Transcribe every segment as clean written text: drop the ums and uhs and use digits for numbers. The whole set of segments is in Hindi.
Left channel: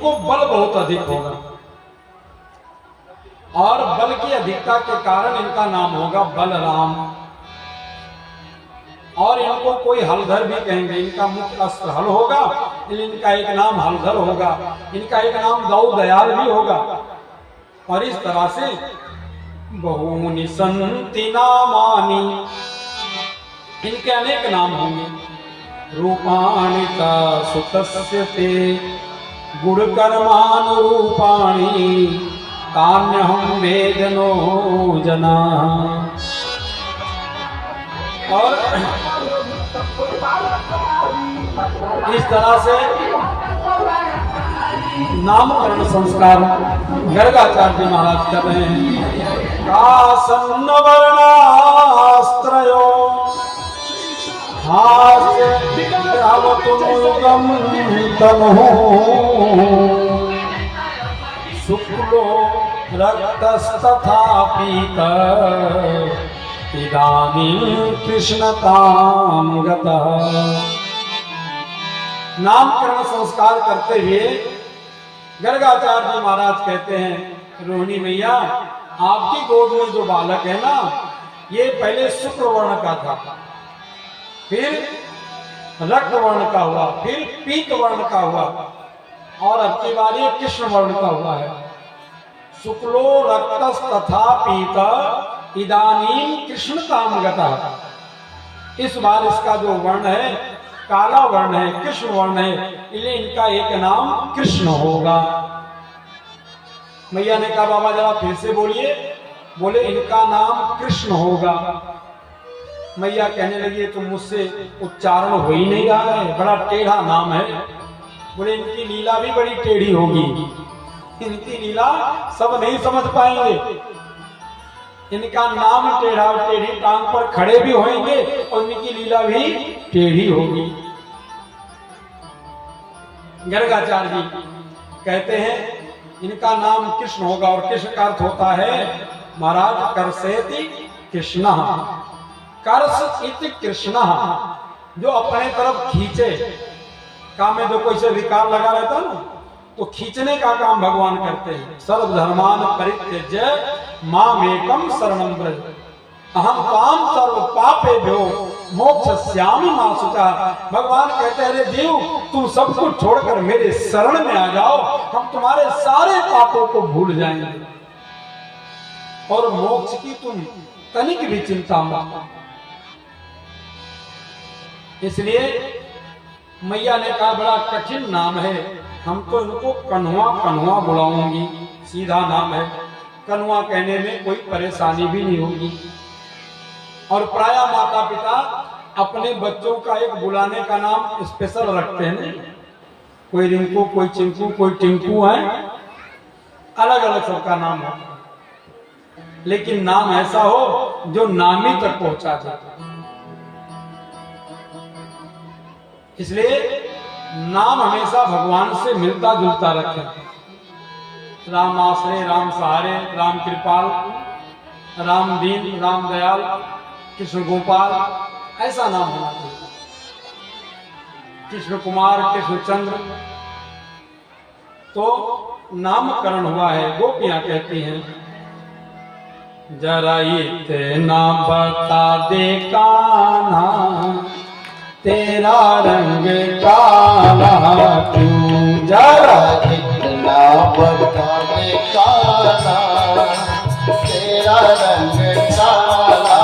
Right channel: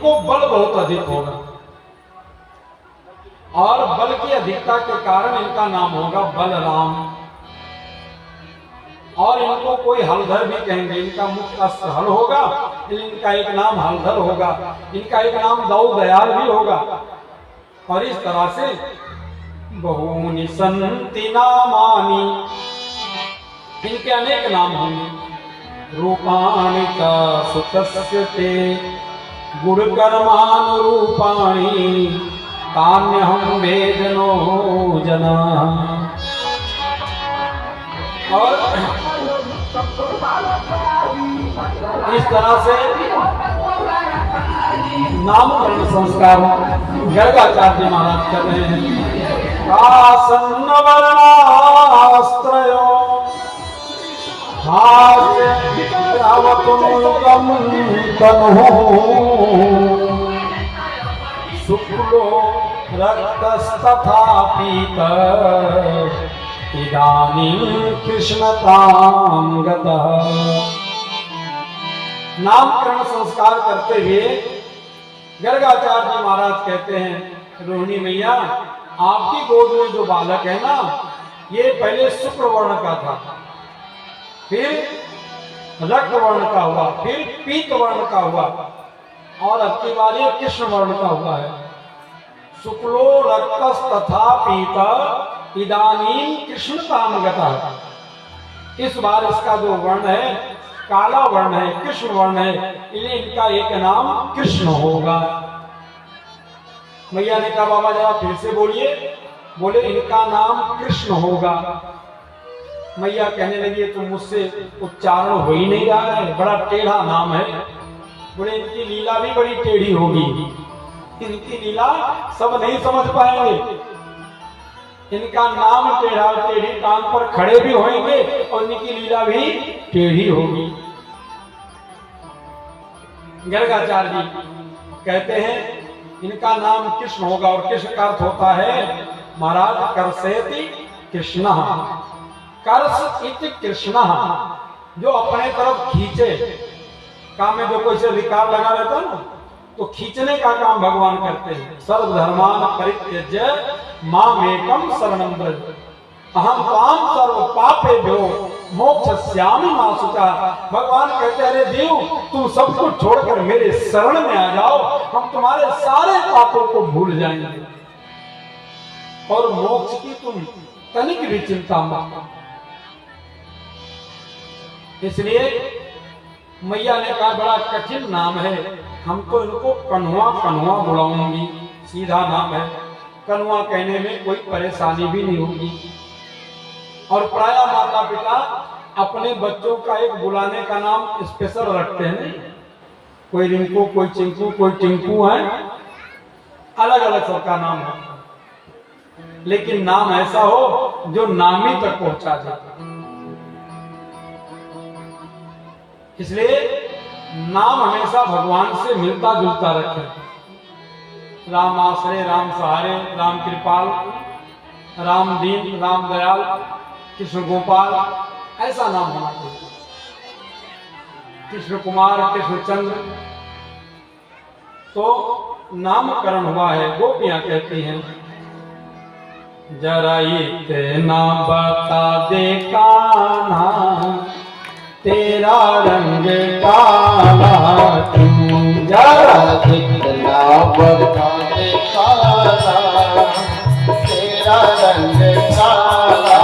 इनको बल बहुत अधिक होगा और बल की अधिकता के कारण इनका नाम होगा बलराम। और इनको कोई हलधर भी कहेंगे, इनका मुख्य अस्त्र हल होगा, इनका एक नाम हलधर होगा, इनका एक नाम दौ दयाल भी होगा। और इस तरह से बहूनि संति नामानि, इनके अनेक नाम होंगे। रूपाणि च सुतस्य ते गुणकर्मानुरूपाणि तान्यहं वेदनो जना। और इस तरह से नामकरण संस्कार गर्गाचार्य महाराज कर रहे हैं। आसन्न वर्णास्त्रयो हास्य शुक्लो रक्तस्तथा पीतः इदानीं कृष्णतां गतः। नामकरण संस्कार करते हुए गर्गाचार्य जी महाराज कहते हैं, रोहिणी मैया आपकी गोद में जो बालक है ना, ये पहले शुक्ल वर्ण का था, फिर रक्त वर्ण का हुआ, फिर पीत वर्ण का हुआ और अब की बार ये कृष्ण वर्ण का हुआ है। शुक्लो रक्तस तथा पीत इदानीं कृष्णतां गतः। इस बार इसका जो वर्ण है काला वर्ण है, कृष्ण वर्ण है, इसलिए इनका एक नाम कृष्ण होगा। मैया ने कहा बाबा जरा फिर से बोलिए। बोले इनका नाम कृष्ण होगा। मैया कहने लगी तो मुझसे उच्चारण हो ही नहीं रहा है, बड़ा टेढ़ा नाम है। बोले इनकी लीला भी बड़ी टेढ़ी होगी, इनकी लीला सब नहीं समझ पाएंगे। इनका नाम टेढ़ा, टेढ़ी टांग पर खड़े भी होंगे और इनकी लीला भी टेढ़ी होगी। गर्गाचार्य जी कहते हैं इनका नाम कृष्ण होगा और कृष्ण का अर्थ होता है महाराज कर्षयति कृष्ण, कर्ष इति कृष्ण, जो अपने तरफ खींचे। काम में जो कोई से विकार लगा रहता है ना, तो खींचने का काम भगवान करते हैं। सर्वधर्मान परित्यज्य मामेकं शरणं व्रज अहं त्वां सर्व पापेभ्यो मोक्षयिष्यामि मा शुचः। भगवान कहते हैं अरे जीव तुम सब कुछ छोड़कर मेरे शरण में आ जाओ, हम तुम्हारे सारे पापों को भूल जाएंगे और मोक्ष की तुम तनिक भी चिंता मत। इसलिए मैया ने कहा बड़ा कठिन नाम है, हम तो इनको कन्हुआ कन्हुआ बुलाऊंगी, सीधा नाम है। कन्हुआ कहने में कोई परेशानी भी नहीं होगी। और प्राय माता पिता अपने बच्चों का एक बुलाने का नाम स्पेशल रखते हैं, कोई रिंकू, कोई चिंकू, कोई टिंकू है, अलग अलग सबका नाम है, लेकिन नाम ऐसा हो जो नामी तक पहुंचा जाए। इसलिए नाम हमेशा भगवान से मिलता जुलता रखें। राम आश्रय, राम सहारे, राम कृपाल, राम दीन, राम दयाल, कृष्ण गोपाल, ऐसा नाम होना चाहिए। कृष्ण कुमार, कृष्ण चंद्र, तो नामकरण हुआ है। गोपियां कहती हैं जरा इतना बता दे कान्हा तेरा रंग काला क्यों, जरा इतना बता दे कान्हा तेरा रंग काला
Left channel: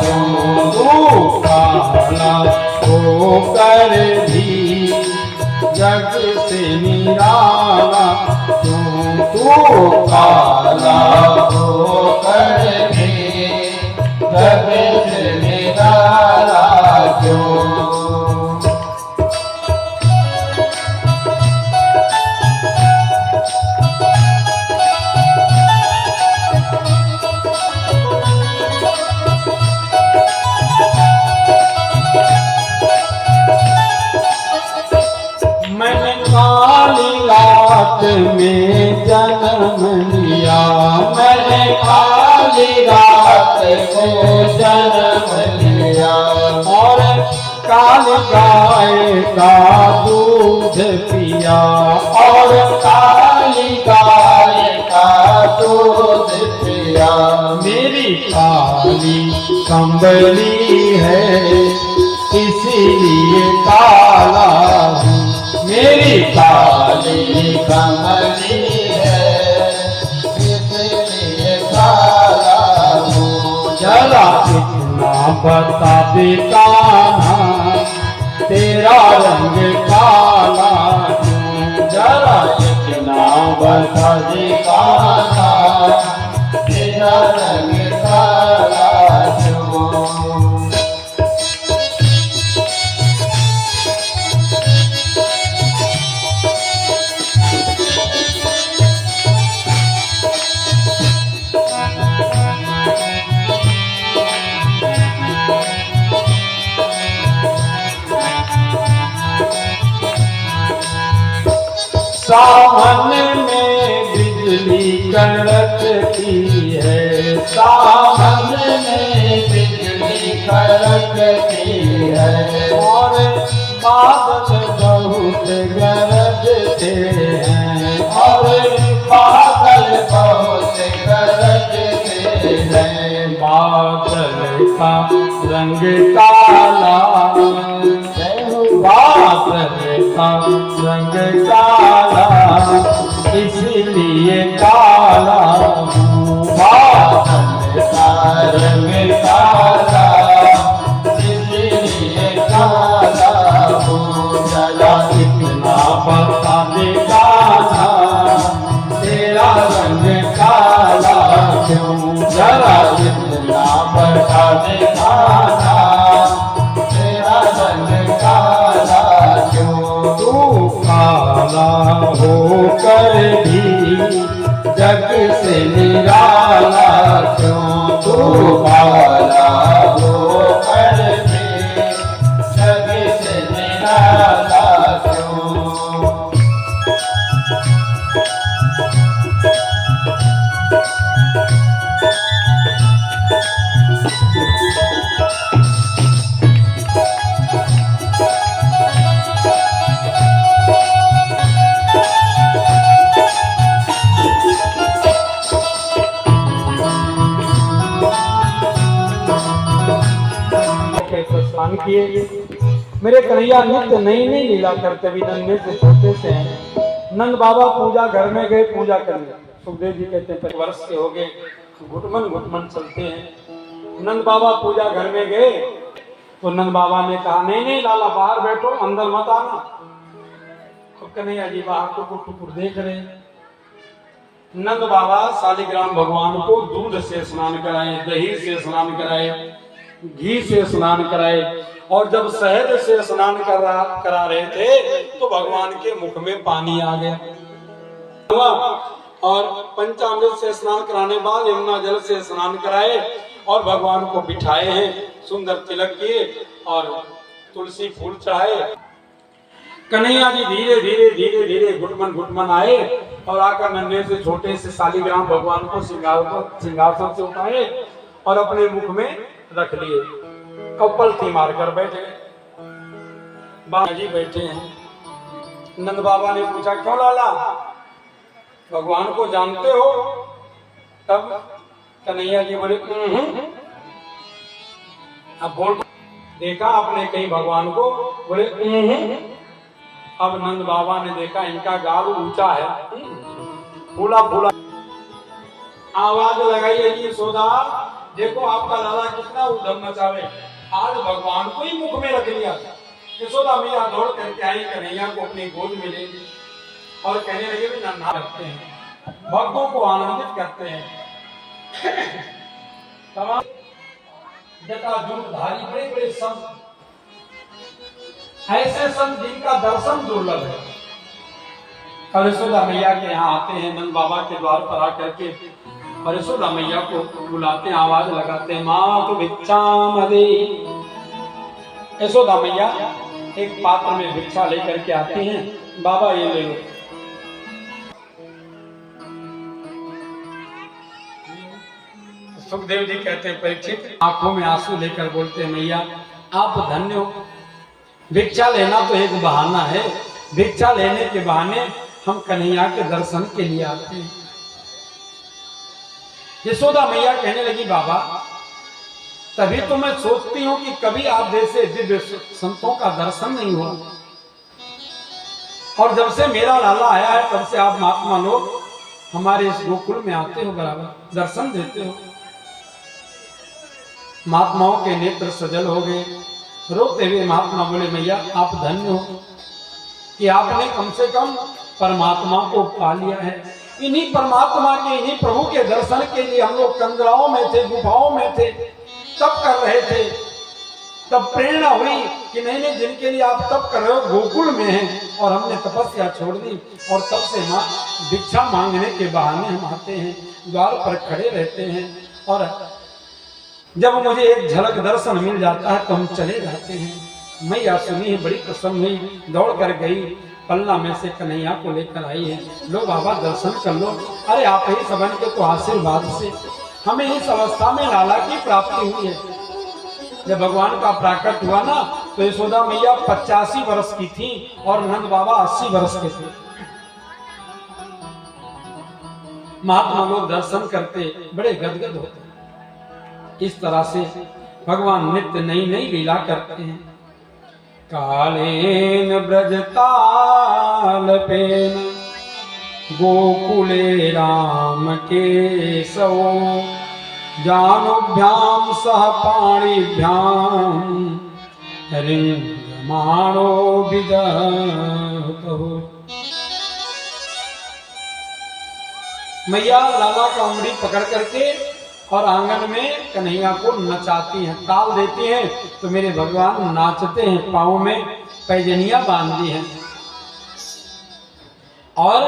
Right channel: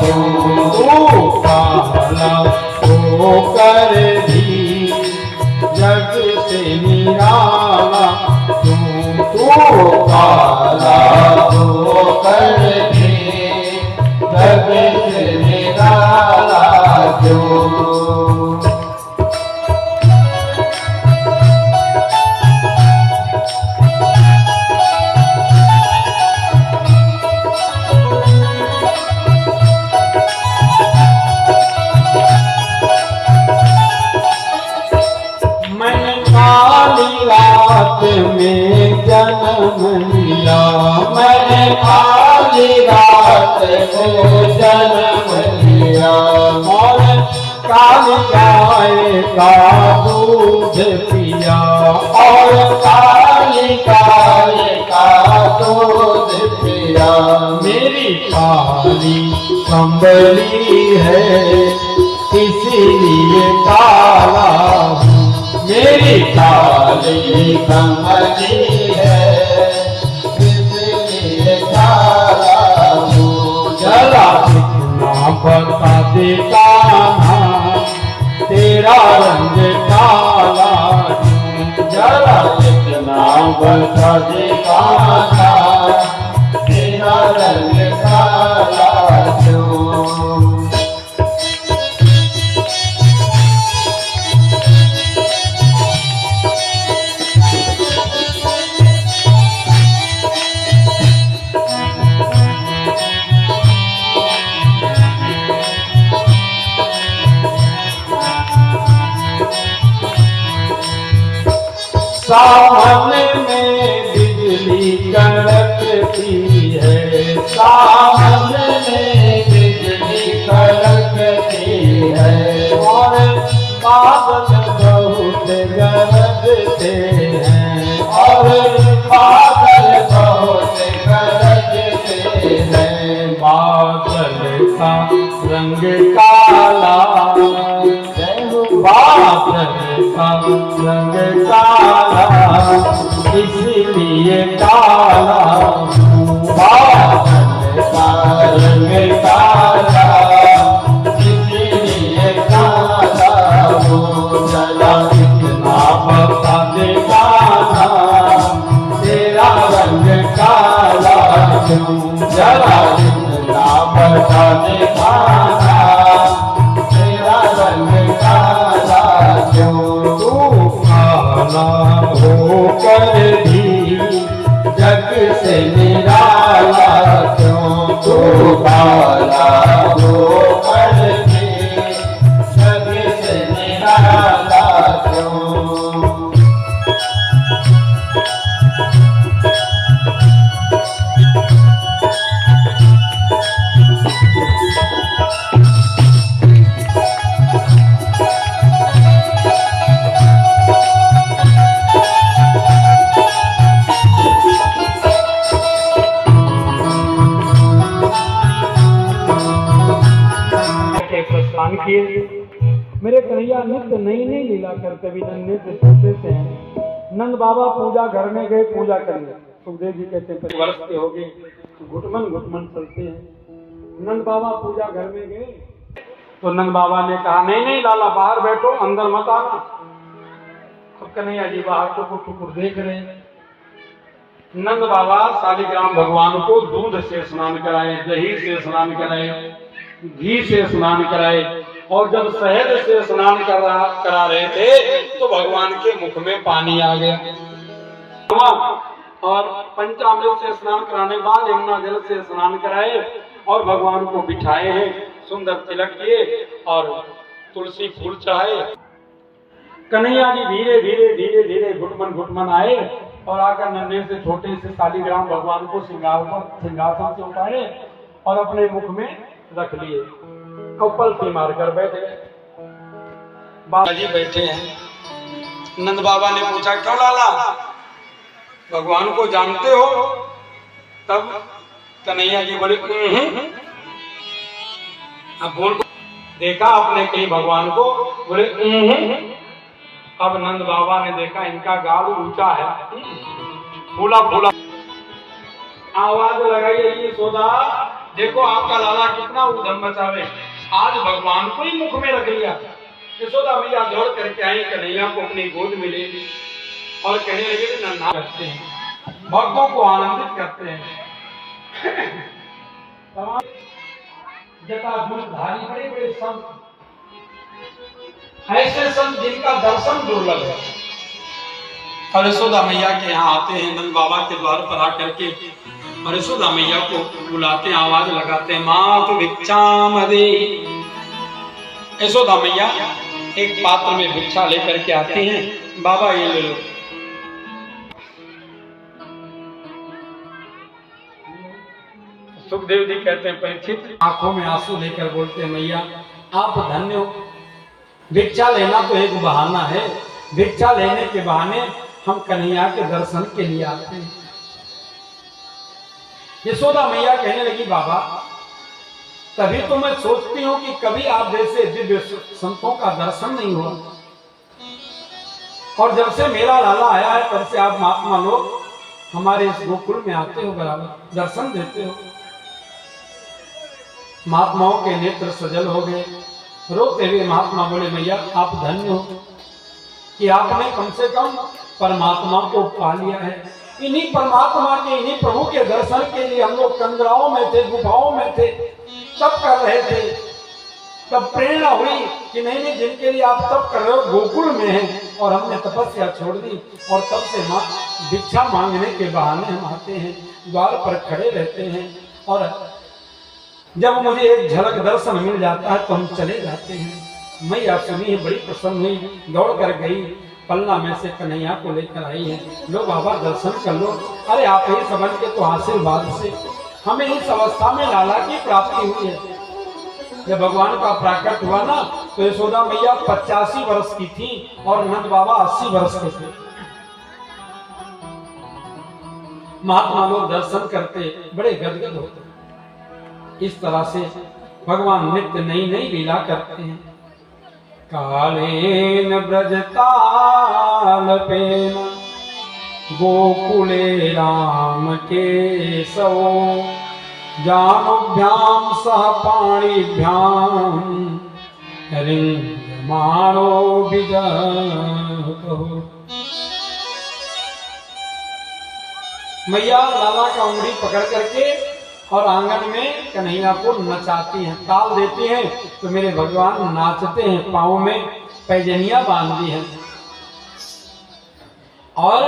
क्यों, तू काला होकर भी जग से निराला क्यों, तू काला होकर भी जग से निराला क्यों। में जन्म लिया, मैंने काली रात में जन्म लिया और काली गाय का दूध पिया और गाय का दूध पिया। मेरी काली कंबली है इसीलिए काला हूँ। मेरी काली कंबली है इसलिए काला हूँ। जरा इतना बता दे कान्हा तेरा रंग काला क्यों। जरा इतना बता दे कान्हा तेरा रंग काला क्यों। सावन में बिजली कड़कती है। सावन में बिजली कड़कती है। और बादल बहुत गरजते हैं। और बादल बहुत गरजते हैं। बादल का रंग काला, बादल का रंग काला इसलिए काला हूँ। बादल का रंग काला इसलिए काला हूँ। जरा इतना बता दे कान्हा तेरा रंग काला क्यों। जरा इतना बता दे कान्हा तेरा रंग काला क्यों। तू काला होकर भी जग से निराला क्यों। तू काला होकर भी जग से निराला क्यों। के प्रस्थान किए। मेरे कन्हैया नित्य नई नई लीला करते भी नन्हे से छोटे से हैं। नंद बाबा पूजा घर में गए पूजा करने। सुखदेव जी कहते हैं 5 वर्ष के हो गए, घुटमन घुटमन चलते हैं। नंद बाबा पूजा घर में गए तो नंद बाबा ने कहा नहीं नहीं लाला बाहर बैठो अंदर मत आना। अब कन्हैया जी बाहर टुकुर टुकुर देख रहे हैं। नंद बाबा शालिग्राम भगवान को दूध से स्नान कराए, दही से स्नान कराए, घी से स्नान कराए। और जब शहद से स्नान करा रहे थे तो भगवान के मुख में पानी आ गया। और पंचामृत से स्नान कराने बाद यमुना जल से स्नान कराए और भगवान को बिठाए हैं। सुंदर तिलक किए और तुलसी फूल चढ़ाए। कन्हैया जी धीरे धीरे धीरे धीरे घुटमन घुटमन आए और आकर नन्हे से छोटे से शालिग्राम भगवान को सिंहासन से उठाए और अपने मुख में रख लिए। कपल थी मारकर बैठे। बाबा जी बैठे हैं। नंद बाबा ने पूछा क्यों लाला भगवान को जानते हो। तब कन्हैया जी बोले अब बोल। देखा आपने कहीं भगवान को, बोले अब नंद बाबा ने देखा इनका गाल ऊंचा है, फूला फूला। आवाज लगाई यशोदा देखो आपका लाला कितना उधम मचावे, आज भगवान को ही मुख में रख लिया। यशोदा मैया दौड़ करके आई, कन्हैया को अपनी गोद में ले ली और कहने लगे नन्हा करते हैं, भक्तों को आनंदित करते हैं। जटाजूटधारी बड़े बड़े संत, ऐसे संत जिनका दर्शन दुर्लभ है। और यशोदा मैया के यहाँ आते हैं, नंद बाबा के द्वार पर आकर के और यशोदा मैया को बुलाते हैं, आवाज लगाते हैं मातु भिक्षाम दे। यशोदा मैया एक पात्र में भिक्षा लेकर के आती हैं, बाबा ये ले लो। सुखदेव जी कहते हैं परीक्षित आंखों में आंसू लेकर बोलते हैं मैया आप धन्य हो। भिक्षा लेना तो एक बहाना है, भिक्षा लेने के बहाने हम कन्हैया के दर्शन के लिए आते हैं। यशोदा मैया कहने लगी बाबा, तभी तो मैं सोचती हूं कि कभी आप जैसे दिव्य संतों का दर्शन नहीं हुआ, और जब से मेरा लाला आया है तब से आप महात्मा लोग हमारे इस गोकुल में आते हो, बराबर दर्शन देते हो। महात्माओं के नेत्र सजल हो गए। रोते हुए महात्मा बोले, मैया आप धन्य हो कि आपने कम से कम परमात्मा को पा लिया है। इन्हीं परमात्मा के, इन्हीं प्रभु के दर्शन के लिए हम लोग कंदराओं में थे, गुफाओं में थे, तप कर रहे थे। तब प्रेरणा हुई कि नहीं नहीं, जिनके लिए आप तप कर रहे हो गोकुल में हैं, और हमने तपस्या छोड़ दी, और तब से भिक्षा मांगने के बहाने हम आते हैं, द्वार पर खड़े रहते हैं, और जब मुझे एक झलक दर्शन मिल जाता है तो हम चले जाते हैं। मैया सुनी, बड़ी प्रसन्न हुई, दौड़ कर गई, पलना में से कन्हैया को लेकर आई है। लो बाबा दर्शन कर लो। अरे आप ही सबन के तो आशीर्वाद से हमें इस अवस्था में लाला की प्राप्ति हुई है। जब भगवान का प्राकट हुआ ना, तो यशोदा मैया 85 वर्ष की थी और नंद बाबा 80 वर्ष के थे। महात्मा लोग दर्शन करते बड़े गदगद होते। इस तरह से भगवान नित्य नई नई लीला करते हैं। कालेन ब्रजतालपेन गोकुले राम केशव जानुभ्याम सह पाणिभ्याम रिंगमाणो विजहतो। मैया लाला का उंगली पकड़ करके और आंगन में कन्हैया को नचाती हैं, ताल देती हैं, तो मेरे भगवान नाचते हैं। पाँव में पैजनिया बांधी हैं और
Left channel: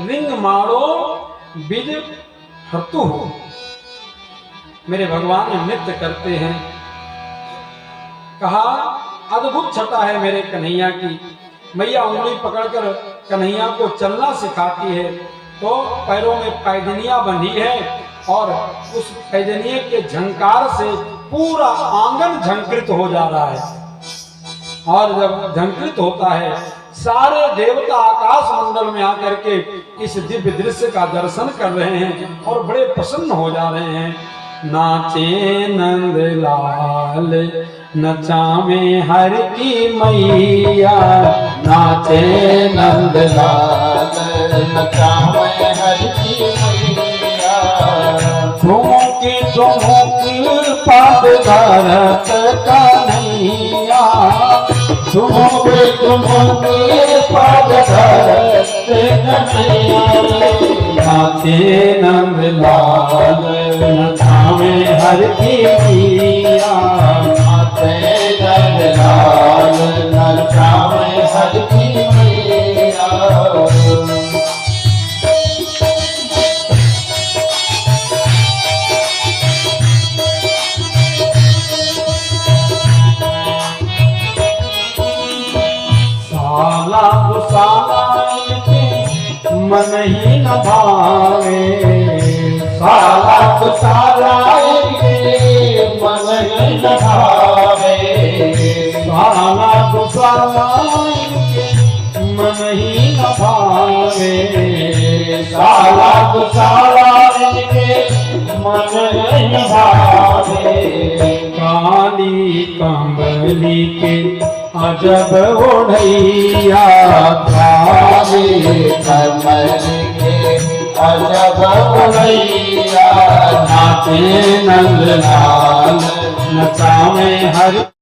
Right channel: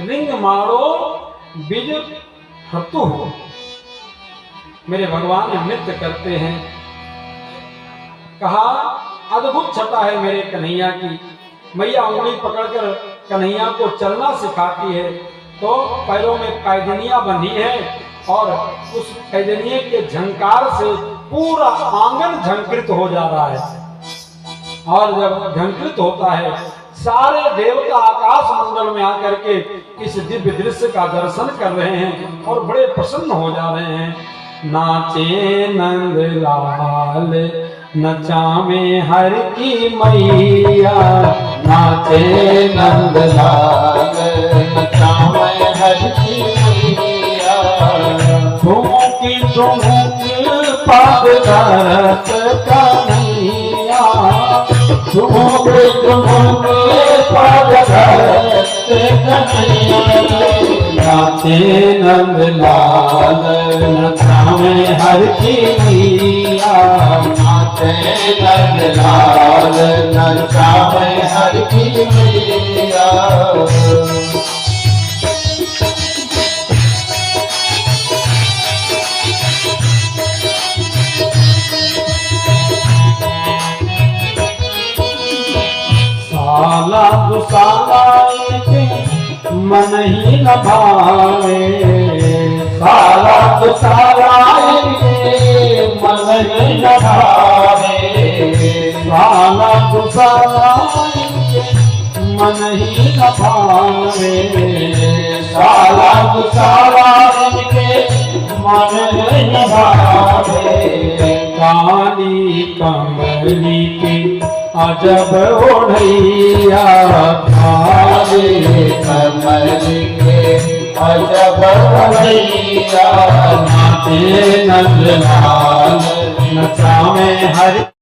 रिंग मारो बिज हतु, मेरे भगवान नृत्य करते हैं। कहा अद्भुत छटा है मेरे कन्हैया की। मैया उंगली पकड़कर कन्हैया को चलना सिखाती है, तो पैरों में पैजनिया बंधी है, और उस पैजनिये के झंकार से पूरा आंगन झंकृत हो जा रहा है। और जब झंकृत होता है, सारे देवता आकाश मंडल में आकर के इस दिव्य दृश्य का दर्शन कर रहे हैं और बड़े प्रसन्न हो जा रहे हैं। नाचे नंद लाल नचावे हर की मैया, नाचे नंद लाल नचावे हर की मैया। झूठी झूठी पद धरत कन्हैया, झूठी झूठी पद धरत कन्हैया। नाचे नंद लाल नचावे हर की मैया, नाचे नंद लाल नचावे हर की मैया। साला दुसाला मन ही न भावे, साला दुसाला मन ही न भावे, साला दुसाला मन ही न भावे, साला दुसाला मन ही न भावे। काली कमली की अजब ओढ़ैया, काली कमली के अजब ओढ़ैया। नाचे नंद लाल नचावे हर